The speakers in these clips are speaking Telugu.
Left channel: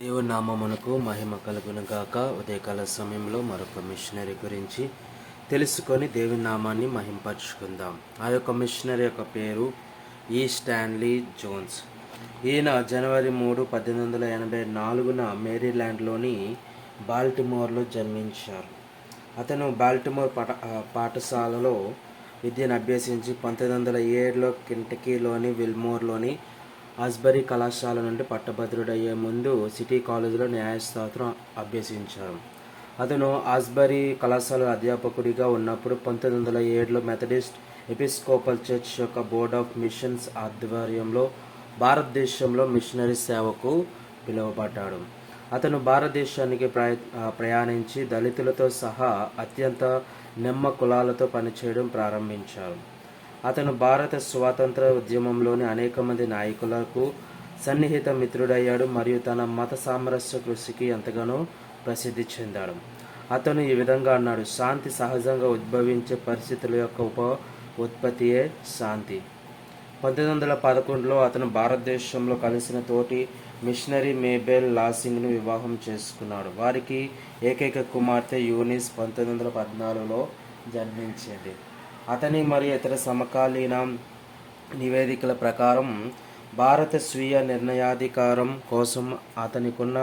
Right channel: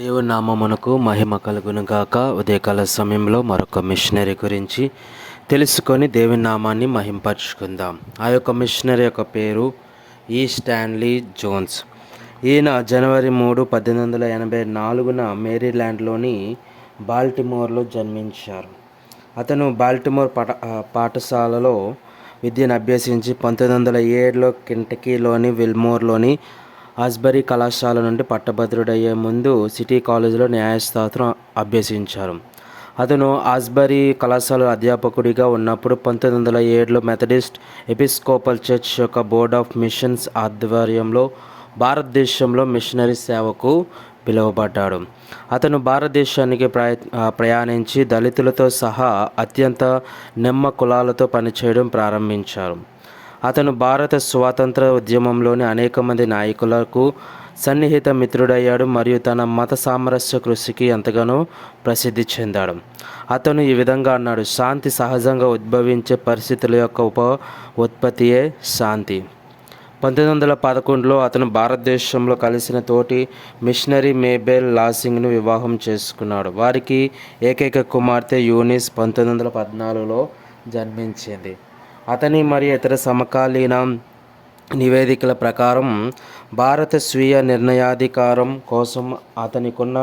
దేవుని నామమునకు మహిమ కలుగును గాక. ఉదయకాల సమయంలో మరొక మిషనరీ గురించి తెలుసుకొని దేవుని నామాన్ని మహింపరచుకుందాం. ఆ యొక్క మిషనరీ యొక్క పేరు ఈ స్టాన్లీ జోన్స్. ఈయన జనవరి 3, 1884 మేరీల్యాండ్లోని బాల్టిమోర్లో జన్మించారు. అతను బాల్టిమోర్ పాఠశాలలో విద్యను అభ్యసించి 1907లో కెంటకీలోని విల్మోర్లోని ఆస్బరీ కళాశాల నుండి పట్టభద్రుడయ్యే ముందు సిటీ కాలేజీలో న్యాయశాస్త్రం అభ్యసించారు. అతను ఆస్బరీ కళాశాల అధ్యాపకుడిగా ఉన్నప్పుడు 1907లో మెథడిస్ట్ ఎపిస్కోపల్ చర్చ్ యొక్క బోర్డ్ ఆఫ్ మిషన్స్ ఆధ్వర్యంలో భారతదేశంలో మిషనరీ సేవకు పిలువబడ్డాడు. అతను భారతదేశానికి ప్రయాణించి దళితులతో సహా అత్యంత నెమ్మ కులాలతో పనిచేయడం ప్రారంభించారు. అతను భారత స్వాతంత్ర ఉద్యమంలోని అనేక మంది నాయకులకు సన్నిహిత మిత్రుడయ్యాడు మరియు తన మత సామరస్య కృషికి ఎంతగానో ప్రసిద్ధి చెందాడు. అతను ఈ విధంగా అన్నాడు: శాంతి సహజంగా ఉద్భవించే పరిస్థితుల యొక్క ఉత్పత్తియే శాంతి. 1911లో అతను భారతదేశంలో కలిసిన తోటి మిషనరీ మేబెల్ లాసింగ్ను వివాహం చేసుకున్నాడు. వారికి ఏకైక కుమార్తె యూనిస్ 1914లో జన్మించింది. అతని మరియు ఇతర సమకాలీన నివేదికల ప్రకారం భారత స్వీయ నిర్ణయాధికారం కోసం అతనికున్న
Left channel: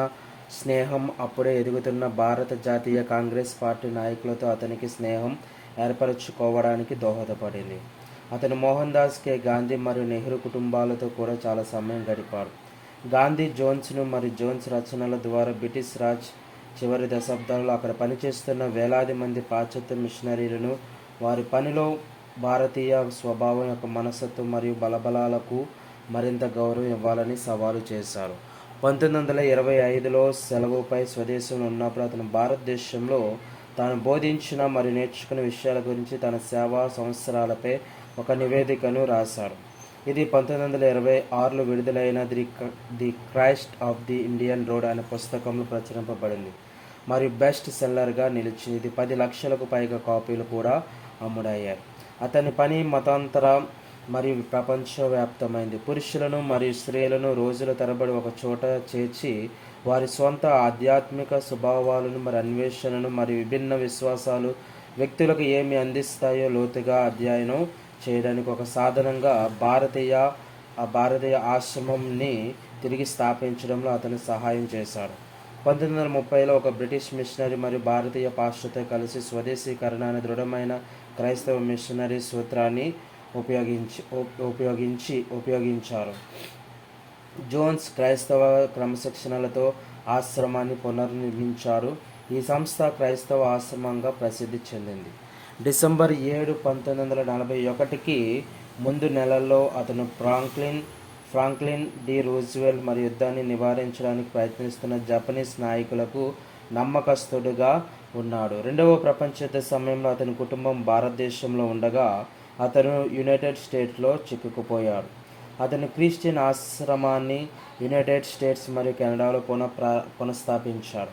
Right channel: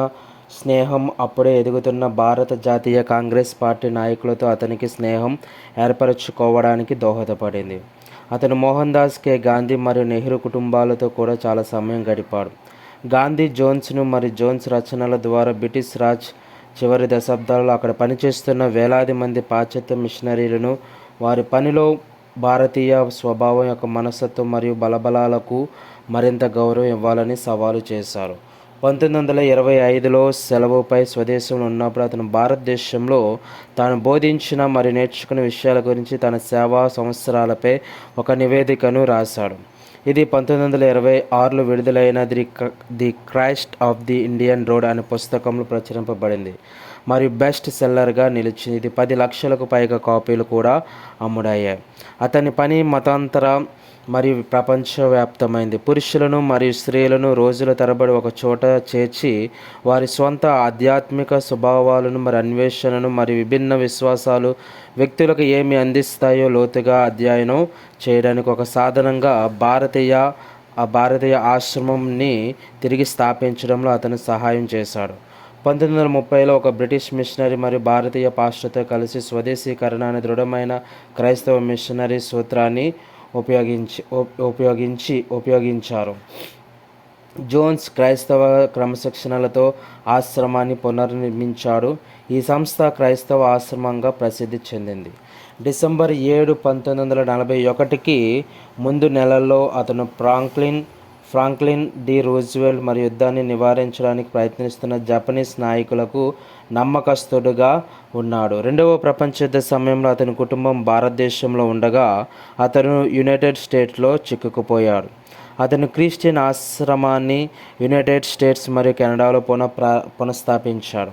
స్నేహం అప్పుడే ఎదుగుతున్న భారత జాతీయ కాంగ్రెస్ పార్టీ నాయకులతో అతనికి స్నేహం ఏర్పరచుకోవడానికి దోహదపడింది. అతను మోహన్ దాస్ కే గాంధీ మరియు నెహ్రూ కుటుంబాలతో కూడా చాలా సమయం గడిపాడు. గాంధీ జోన్స్ను మరియు జోన్స్ రచనల ద్వారా బ్రిటిష్ రాజ్ చివరి దశాబ్దాలలో అక్కడ పనిచేస్తున్న వేలాది మంది పాశ్చాత్య మిషనరీలను వారి పనిలో భారతీయ స్వభావం యొక్క మనస్తత్వం మరియు బలబలాలకు మరింత గౌరవం ఇవ్వాలని సవాలు చేశారు. 1925లో సెలవుపై స్వదేశంలో ఉన్నప్పుడు అతను భారతదేశంలో తాను బోధించిన మరియు నేర్చుకున్న విషయాల గురించి తన సేవా సంవత్సరాలపై ఒక నివేదికను రాశాడు. ఇది 1926లో విడుదలైన the Christ of the Indian road అనే పుస్తకంలో ప్రచురింపబడింది మరియు బెస్ట్ సెల్లర్గా నిలిచింది. ఇది 10 లక్షలకు పైగా కాపీలు కూడా అమ్ముడయ్యాయి. అతని పని మతాంతర మరియు ప్రపంచవ్యాప్తమైంది. పురుషులను మరియు స్త్రీలను రోజుల తరబడి ఒక చోట చేర్చి వారి స్వంత ఆధ్యాత్మిక స్వభావాలను మరియు అన్వేషణను మరియు విభిన్న విశ్వాసాలు వ్యక్తులకు ఏమి అందిస్తాయో లోతుగా అధ్యయనం చేయడానికి ఒక సాధనంగా భారతీయ ఆశ్రమంని తిరిగి స్థాపించడంలో అతను సహాయం చేశాడు. 1930లో ఒక బ్రిటిష్ మిషనరీ మరియు భారతీయ పాస్టర్తో కలిసి స్వదేశీకరణ అనే దృఢమైన క్రైస్తవ మిషనరీ సూత్రాన్ని ఉపయోగించారు. జోన్స్ క్రైస్తవ క్రమశిక్షణలతో ఆశ్రమాన్ని పునర్నిర్మించాడు. ఈ సంస్థ క్రైస్తవ ఆశ్రమంగా ప్రసిద్ధి చెందింది. డిసెంబర్ 7, 1941కి ముందు నెలల్లో అతను ఫ్రాంక్లిన్ డి రూజ్వెల్ట్ మరియు యుద్ధాన్ని నివారించడానికి ప్రయత్నిస్తున్న జపనీస్ నాయకులకు నమ్మకస్తుడుగా ఉన్నాడు. రెండవ ప్రపంచ యుద్ధ సమయంలో అతని కుటుంబం భారతదేశంలో ఉండగా అతను యునైటెడ్ స్టేట్స్లో చిక్కుకుపోయాడు. అతను క్రిస్టియన్ ఆశ్రమాన్ని యునైటెడ్ స్టేట్స్ మరియు కెనడాలో పునఃస్థాపించాడు.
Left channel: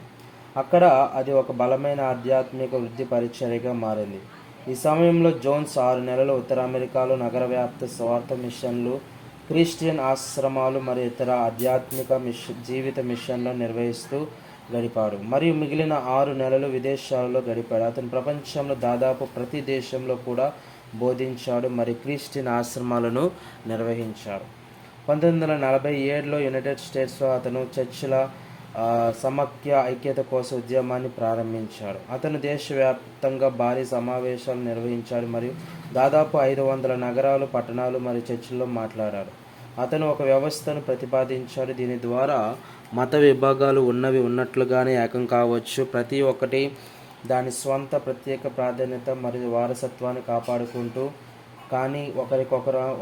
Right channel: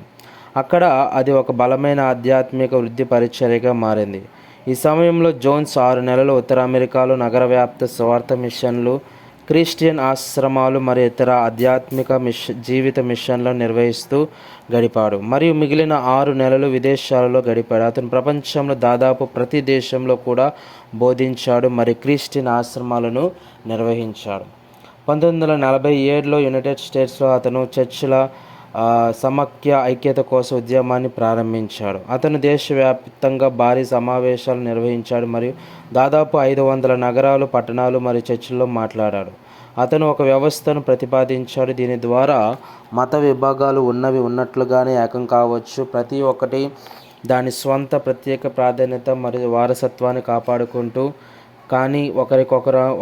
అక్కడ అది ఒక బలమైన ఆధ్యాత్మిక వృద్ధి పరిచర్యగా మారింది. ఈ సమయంలో జోన్స్ 6 నెలలు ఉత్తర అమెరికాలో నగరవ్యాప్త స్వార్థ మిషన్లు, క్రిస్టియన్ ఆశ్రమాలు మరియు ఇతర ఆధ్యాత్మిక జీవిత మిషన్లను నిర్వహిస్తూ గడిపాడు మరియు మిగిలిన 6 నెలలు విదేశాలలో గడిపాడు. అతను ప్రపంచంలో దాదాపు ప్రతి దేశంలో కూడా బోధించాడు మరియు క్రిస్టియన్ ఆశ్రమాలను నిర్వహించాడు. 1947లో యునైటెడ్ స్టేట్స్లో అతను చర్చిల సమాఖ్య ఐక్యత కోసం ఉద్యమాన్ని ప్రారంభించాడు. అతను దేశవ్యాప్తంగా భారీ సమావేశాలు నిర్వహించాడు మరియు దాదాపు 500 నగరాలు, పట్టణాలు మరియు చర్చిల్లో మాట్లాడాడు. అతను ఒక వ్యవస్థను ప్రతిపాదించాడు. దీని ద్వారా మత విభాగాలు ఉన్నవి ఉన్నట్లుగానే ఏకం కావచ్చు, ప్రతి ఒక్కటి దాని స్వంత ప్రత్యేక ప్రాధాన్యత మరియు వారసత్వాన్ని కాపాడుకుంటూ, కానీ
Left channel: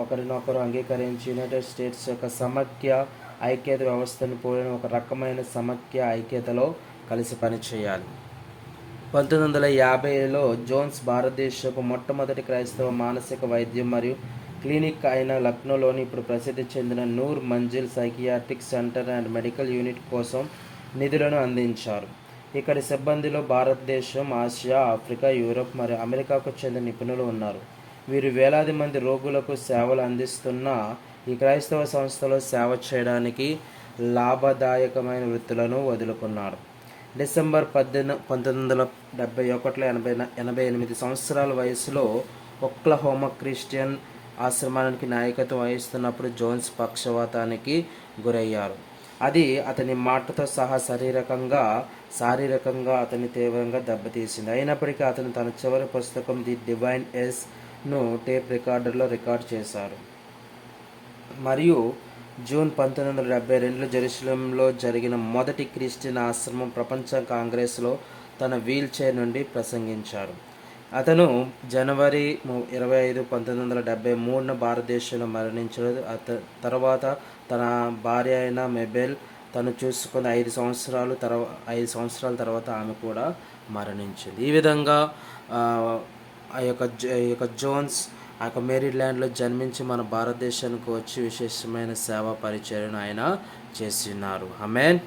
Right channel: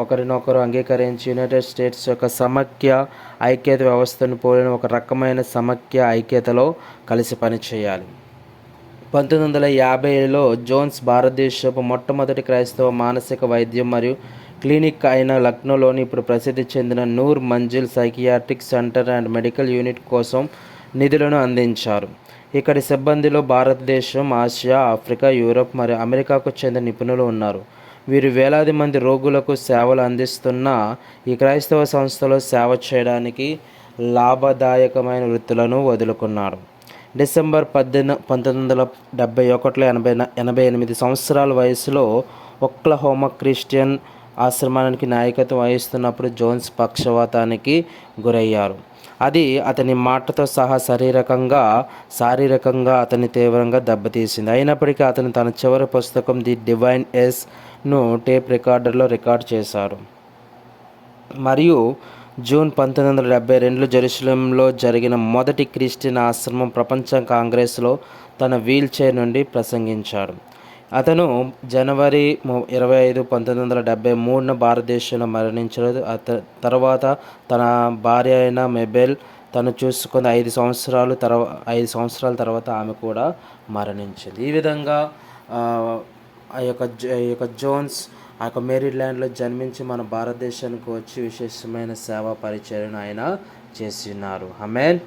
ఒకరినొకరు అంగీకరించి యునైటెడ్ స్టేట్స్ యొక్క సమాఖ్య ఐక్యత వ్యవస్థను పోలిన ఒక రకమైన సమాఖ్య ఐక్యతలో కలిసి పనిచేయాలి. 1950లో జోన్స్ భారతదేశపు మొట్టమొదటి క్రైస్తవ మానసిక వైద్యం మరియు క్లినిక్ అయిన లక్నోలోని ఇప్పుడు ప్రసిద్ధి చెందిన Noor Manzil psychiatric centre and medical unit కోసం నిధులను అందించారు. ఇక్కడి సిబ్బందిలో భారతదేశం, ఆసియా, ఆఫ్రికా, యూరప్ మరియు అమెరికాకు చెందిన నిపుణులు ఉన్నారు. వీరు వేలాది మంది రోగులకు సేవలు అందిస్తున్న ఈ క్రైస్తవ సంస్థలో సేవ చేయడానికి లాభదాయకమైన వృత్తులను వదులుకున్నాడు. డిసెంబర్ 1971 88 సంవత్సరాల వయసులో ఒక్లహోమా క్రిస్టియన్ ఆశ్రమానికి నాయకత్వం వహిస్తున్నప్పుడు జోన్స్ పక్షవాతానికి గురయ్యారు. అది అతని మాటతో సహా శారీరకంగా అతన్ని తీవ్రంగా దెబ్బతీసింది. అయినప్పటికీ అతను తన చివరి పుస్తకం ది డివైన్ ఎస్ను టేప్ రికార్డర్లో రికార్డ్ చేశారు మరియు జూన్ 1972 జెరూసలేంలో జరిగిన మొదటి క్రిస్టియన్ ఆశ్రమం ప్రపంచ కాంగ్రెస్లో తన వీల్ చైర్ నుండి ప్రసంగించాడు. అతను జనవరి 25, 1973 భారతదేశంలో మరణించాడు. తర్వాత తన భార్య అయిన మెబెల్ తను చూసుకున్న 5 సంవత్సరాల తర్వాత ఆమె కూడా మరణించింది. ఈ విధంగా ఆ యొక్క జోన్స్ ఆ యొక్క మేరీల్యాండ్లో జన్మించి మన భారతదేశానికి వచ్చి విశేషమైన సేవా పరిచర్యను ఆయన చేసినారు. ఆమేన్.